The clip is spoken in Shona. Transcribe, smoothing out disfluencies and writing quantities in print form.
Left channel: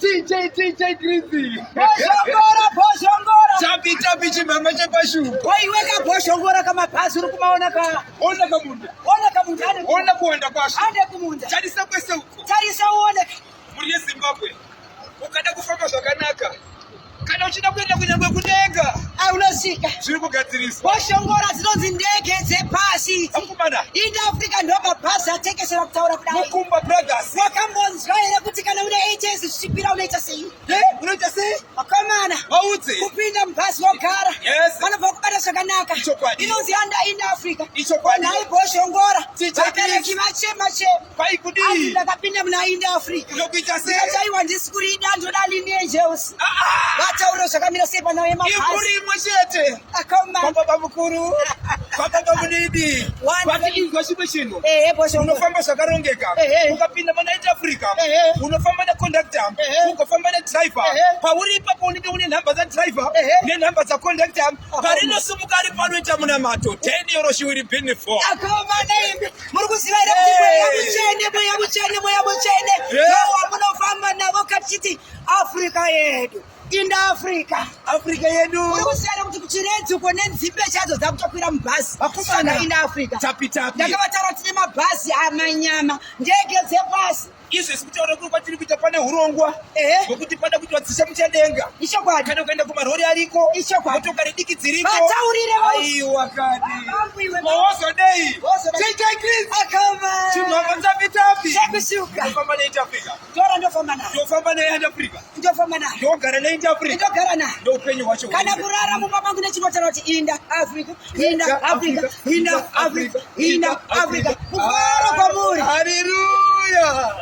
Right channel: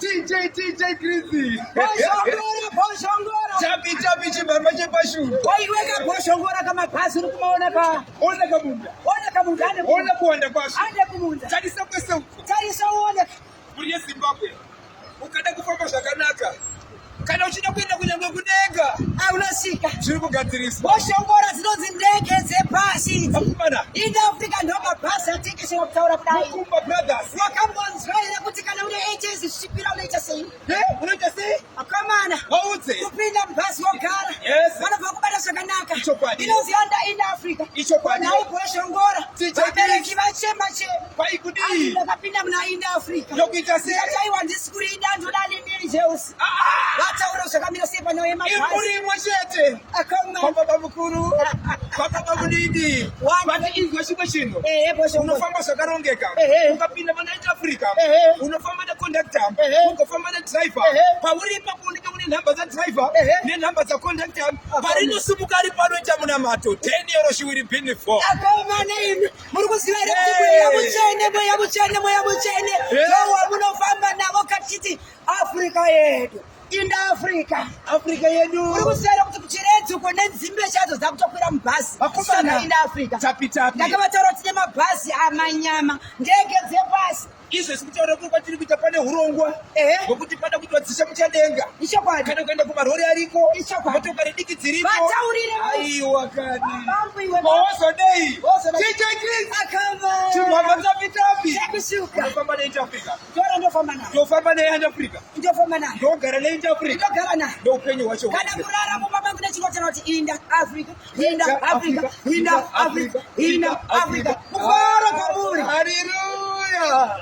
TJ Grizzly. Boshongora. Chapi chimama chepashu. Waiweka boshongora kama pasi uri kumaona ka. Ona kamunda. Ona kuwanda kwasho. Ande kumunda. Tarisa kwese uko. Tarisa uone. Muri Zimbabwe. Ukada kufamba zvakanaka. Kana uchida kuenda kunyangwe kudenga. Unosvika. Zviri kugadziriswa. Boshongora dzinonzi ndege dzepasi idzi. Akumana. In Africa ndokabhasi atekeshera kutaura kudai. Mukumba Brothers. Wakambonzwa here kuti kana une HS zvisvipira unoita sei? Unoita sei? Akamana. Waudze. Kupinda mubhasi wogara. Yes. Vanobva kubata zvakanaka. Ichokwadi. Inonzi in Africa. Ichokwadi. Naye boshongora. Vabereki vachema. Kwai kudii. Ndakapinda muna in Africa. Ndokuita sei? Ndakataiwa ndisi kuri danto dalinejeusi. Vataura zvakamira sei pano yemabhasi. Imuri imwe chete. Akamana. Baba mukuru. Baba mudidi. Vati izwa chimwe chino. Boshongora. Unofamba zvakarongeka. Ukapinda mana in Africa. Unofamba neconductor. Ugofamba nedriver. Pauri ipapo unenge une nhamba dzadriver nenhamba dzaconductor. Parinosumuka ari panoita munamato 10 euro she will be for. Akomana imi muri kuziva here kuti mweya muchene wamunofamba navo kachiti Africa yedu in Africa yedu uri kuziva kuti kuchiredzi uko nedzimbe chadzo dzakutokwira mubhasi akomana in Africa tapi ndakavataura kuti tine mabhasi amanyama ndege dzepasi izvo sikutaura kuti kwatiri kuita pane urongwa hwekuti pada kuti vadzisa muchadenga ichokwadi kana ukaenda kumarori ariko ichokwadi motokari diki dziriko vataurire aiwa kadi vambuiwe mawozodei akama chimhamba tapi chekusuka ndofamba neint Africa tora ndofamba nayo ndofamba neint Africa ndofamba nayo ndogara neint Africa ndogara nayo ndoupenyu hwacho kana kurara mumba mangu nechinotaura kuti inda Africa kufara kwamuri haleluya.